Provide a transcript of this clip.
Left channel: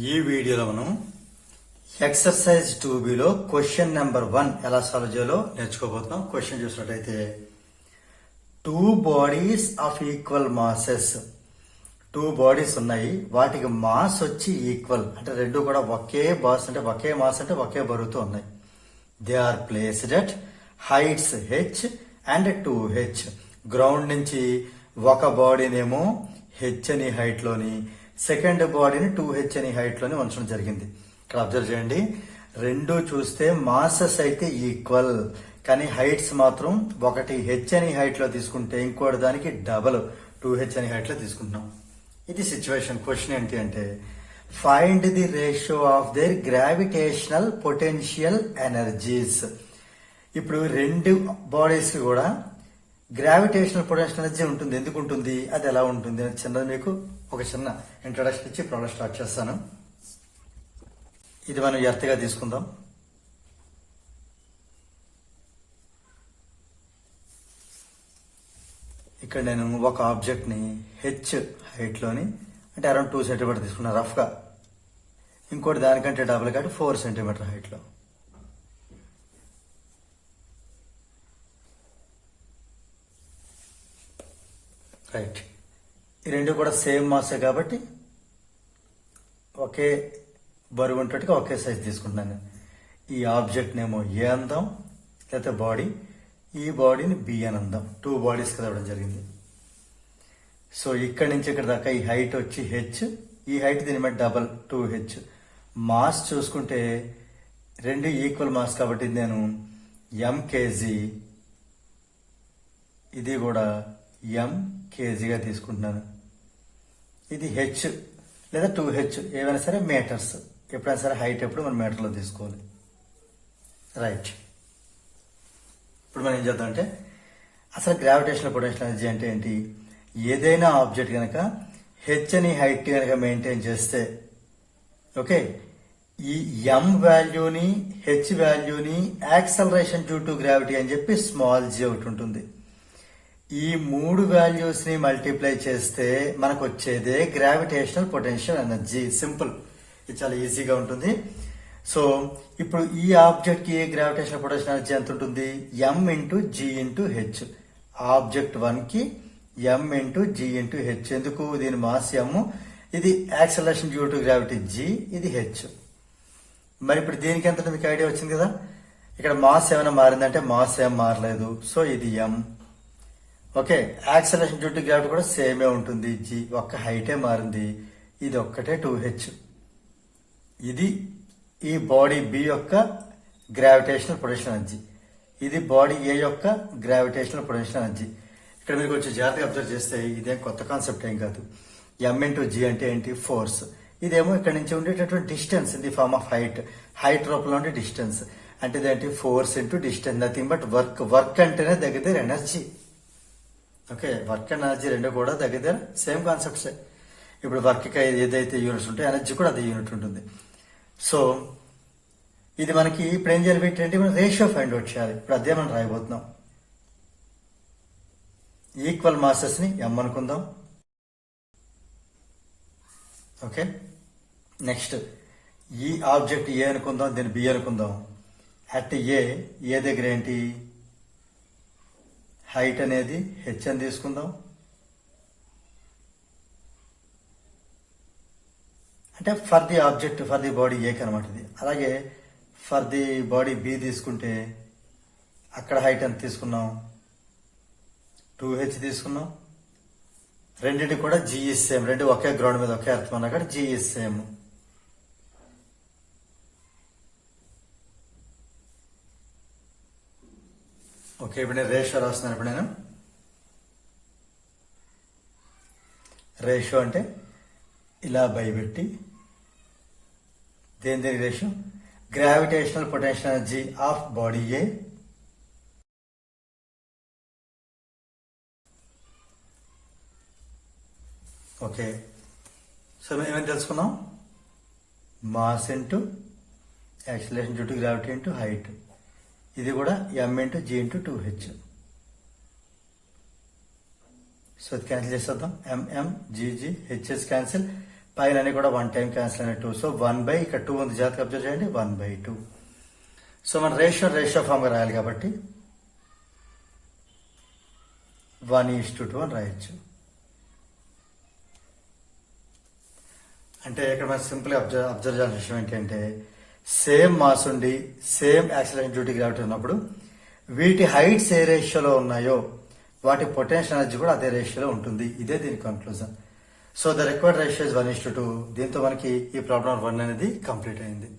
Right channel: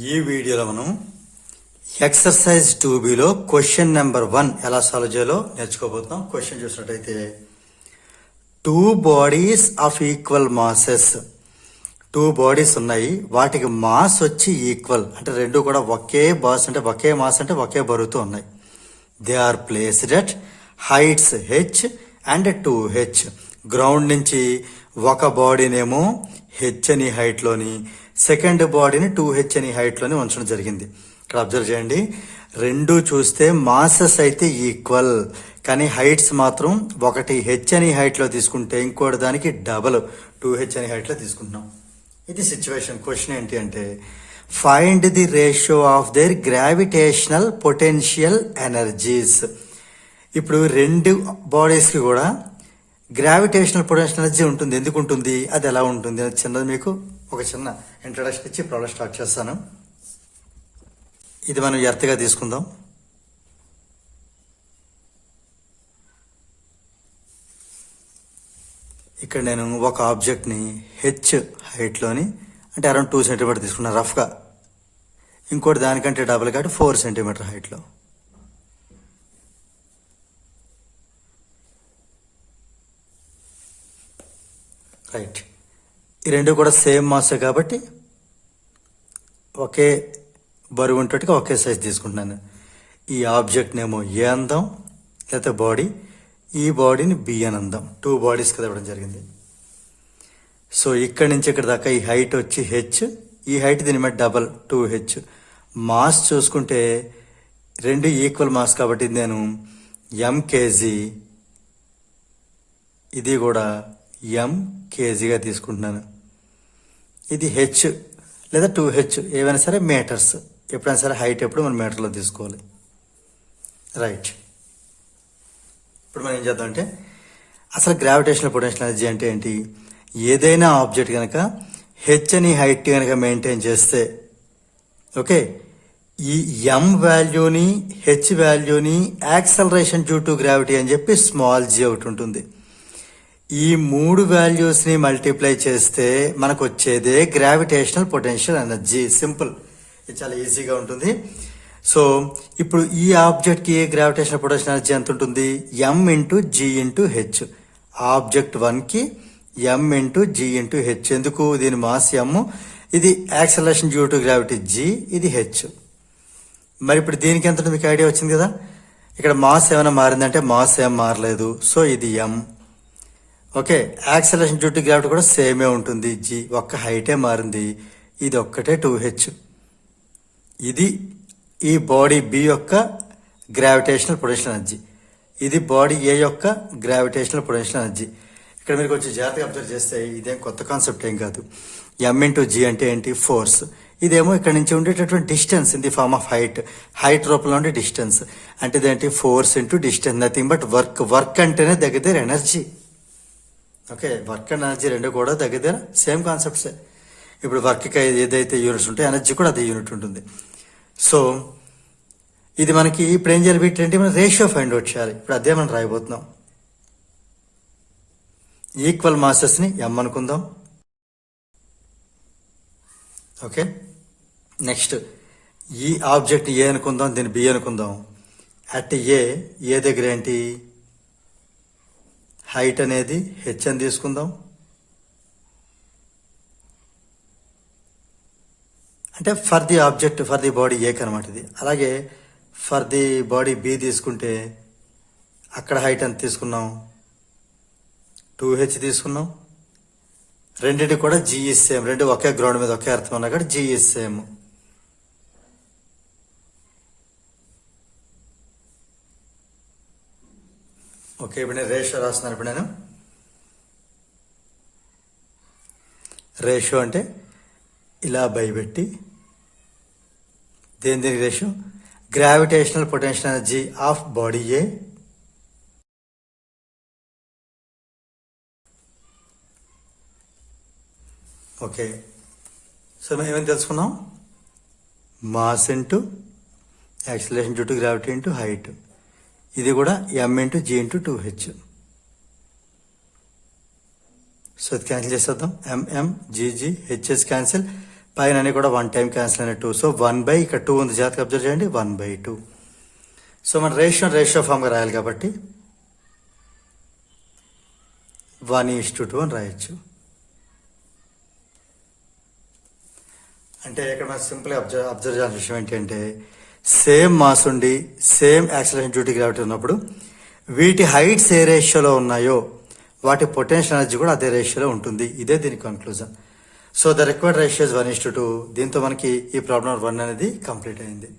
ఈ వీడియోలో మనం ఎక్సర్సైజ్ 2Bలో క్వశ్చన్ నెంబర్ 1 ఎలా సాల్వ్ చేయాలో నేర్చుకోబోతున్నాం. క్వశ్చన్ చూసినట్టయితే 2 bodies of equal masses, 2 bodies ఉన్నాయి, వాటికి మాస్ వచ్చి ఈక్వల్ అంటే రెండు కూడా ఒకే బాస్ అంటే ఒకే మాస్ అంటే ఒకే బరువుతో ఉన్నాయి. They are placed at heights h and 2h. Ground నుంచి ఒక బాడీనేమో h అని హైట్లోని, సెకండ్ బాడీని 2h అని హైట్లోనే ఉంచడం జరిగింది. ఇక్కడ అబ్జర్వ్ చేయండి, రెండు చూస్తే మాసెస్ అయితే ఈక్వల్, కానీ హైట్స్ మాత్రం ఒకటి h అని హైట్లో తీసుకుంటే ఇంకోటి దానికి డబల్ 2h అని హైట్లో తీసుకుంటున్నాం. ఇది సిచ్యువేషన్. క్వశ్చన్ ఏంటి అంటే find the ratio of their gravitational potential energies. ఇప్పుడు రెండు బాడీస్కి కూడా గ్రావిటేషనల్ పొటెన్షియల్ ఎనర్జీ ఉంటుంది. ఎందుకు ఉంటుంది, అది ఎలా ఉంటుంది అని చిన్నది మీకు ఒక చిన్న ఇంట్రడక్షన్ ఇచ్చి ప్రాబ్లం స్టార్ట్ చేస్తాను. ఇది మనం ఎర్త్గా తీసుకుందాం. ఇక్కడ నేను ఒక ఆబ్జెక్ట్ని h హైట్లోని అంటే అరౌండ్ 2 సెంటీమీటర్ తీసుకున్నాను రఫ్గా, ఇంకోటి దానికంటే డబుల్ కాబట్టి 4 సెంటీమీటర్ హైట్లో. రైట్, ఈ రెండు కూడా సేమ్ మాసే కాబట్టి ఒకే బరువు ఉంటట్టుగా ఒకే సైజ్ తీసుకుంటున్నాను. ఈ ఆబ్జెక్ట్నేమో ఏ అందాం, లేకపోతే బాడీ, ఈ బాడీని బి అని అందాం. 2 బాడీస్ కదా ఇవ్వడం జరిగింది. సో ఇక్కడి నుంచి ఇక్కడ దాకా ఈ హైట్ వచ్చి h, ఈ హైట్ దీని మీద డబల్ 2h. మాస్ చూసుకుంటే రెండు ఈక్వల్ మాస్ కాబట్టి నేను m kg, ఇది కూడా m kgగా తీసుకుంటున్నాను. ఇది h లేదా 2h ఏవైనా సరే మీటర్స్, ఎప్పుడైనా సరే హైట్ ఎప్పుడు మనం మీటర్లో తీసుకోవాలి. రైట్, ఇప్పుడు మనం ఏం చేద్దామంటే అసలు గ్రావిటేషనల్ పొటెన్షియల్ ఎనర్జీ అంటే ఏంటి, ఏదైనా ఆబ్జెక్ట్ కనుక h అని హైట్ కనుక మెయింటైన్ చేస్తే, ఓకే, ఈ m వాల్యూని h వాల్యూని యాక్సలరేషన్ డ్యూ టు గ్రావిటీ అని చెప్పి స్మాల్ g ఒకటి ఉంటుంది. ఈ 3 వాల్యూస్ని మల్టిప్లై చేస్తే మనకు వచ్చేదే గ్రావిటేషనల్ పొటెన్షియల్ ఎనర్జీ. సింపుల్, ఇది చాలా ఈజీగా ఉంటుంది. సో ఇప్పుడు ఈ ఆబ్జెక్ట్కి గ్రావిటేషనల్ పొటెన్షియల్ ఎనర్జీ ఎంత ఉంటుంది, m into g into h. Object 1కి m into g into h. ఎందుకు, దీని మాస్ m, ఇది acceleration due to gravity g, ఇది h. మరి ఇప్పుడు దీనికి ఎంత మీకు ఐడియా వచ్చింది కదా. ఇక్కడ మాస్ ఏమైనా మారిందంటే మాస్ ఏం మారలేదు, సో ఇది m. Okay, acceleration due to gravity కూడా సేమే ఉంటుంది, g, ఒక్క హైటే మారింది, ఇది ఒక్కటే 2h. ఇది ఈ బాడీ b యొక్క గ్రావిటేషనల్ పొటెన్షియల్ ఎనర్జీ, ఇది బాడీ a యొక్క గ్రావిటేషనల్ పొటెన్షియల్ ఎనర్జీ. ఇక్కడ మీరు కొంచెం జాగ్రత్తగా అబ్జర్వ్ చేస్తే ఇదేం కొత్త కాన్సెప్ట్ ఏం కాదు. m ఇంటూ g అంటే ఏంటి, ఫోర్స్. ఇదేమో ఇక్కడ నుంచి ఉండేటటువంటి distance in the form of height, height రూపంలో ఉండే డిస్టెన్స్. అంటే ఇదేంటి, force into distance, nothing but work. Work అంటేనే దగ్గర energy. Okay, work and energy రెండు కూడా దగ్గర సేమ్ కాన్సెప్ట్సే. ఇప్పుడు వర్క్కి ఏదైతే యూనిట్స్ ఉంటాయో ఎనర్జీ కూడా అదే యూనిట్ ఉంటుంది. సో ఇది మనకి ఇప్పుడు ఏం చేయాలి, వీటి మనం రేషియో ఫైండ్ అవుట్ చేయాలి. ఇప్పుడు అదే మనం రాయబోతున్నాం. ఈక్వల్ మాసెస్ని m అనుకుందాం. ఓకే, నెక్స్ట్ ఈ ఆబ్జెక్ట్ ఏ అనుకుందాం, దీన్ని బి అనుకుందాం. అట్ ఏ దగ్గర ఏంటి, హైట్ అనేది h అని తీసుకుందాం. అంటే for the object, for the body ఏ కనమాట ఇది. అలాగే ఫర్ ది బాడీ బి తీసుకుంటే అక్కడ హైట్ ఎంత తీసుకున్నాం, 2h తీసుకున్నాం. రెండింటి కూడా g ఈజ్ సేమ్, రెండు ఒకే గ్రౌండ్ మీద ఒకే అర్థం ఉన్నా కూడా g ఈజ్ సేమ్. ఓకే, ఇప్పుడు నేను రేషియో రాస్తున్నాను. ఇప్పుడు నేను రేషియో అంటే ఇలా భయపెట్టి దేని ratio, gravitational potential energy of body A okay. So మనం ఏమైనా తెలుసుకున్నాం, mass into acceleration due to gravity into height. ఇది కూడా m into g into 2h. So అది క్యాన్సిల్ చేసేద్దాం. m g h క్యాన్సిల్, పైన అన్ని కూడా 1 టైం క్యాన్సిల్ అయిన 2. సో 1 ఇక్కడ 2 ఉంది, జాగ్రత్తగా అబ్జర్వ్ చేయండి, 1/2. సో మన రేషియో ఫామ్గా రాయాలి కాబట్టి 1:2 అని రాయొచ్చు. అంటే ఇక్కడ మనం సింపుల్గా అబ్జర్వ్ చేయాల్సిన విషయం ఏంటంటే సేమ్ మాస్ ఉండి సేమ్ యాక్సిలరేషన్ డ్యూటీ గ్రావిటీ ఉన్నప్పుడు వీటి హైట్స్ ఏ రేషియోలో ఉన్నాయో వాటి పొటెన్షియల్ ఎనర్జీ కూడా అదే రేషియోలో ఉంటుంది. ఇదే దీని conclusion. So the required ratio is 1:2. దీంతో మనకి ఈ ప్రాబ్లం 1 అనేది కంప్లీట్ అయింది.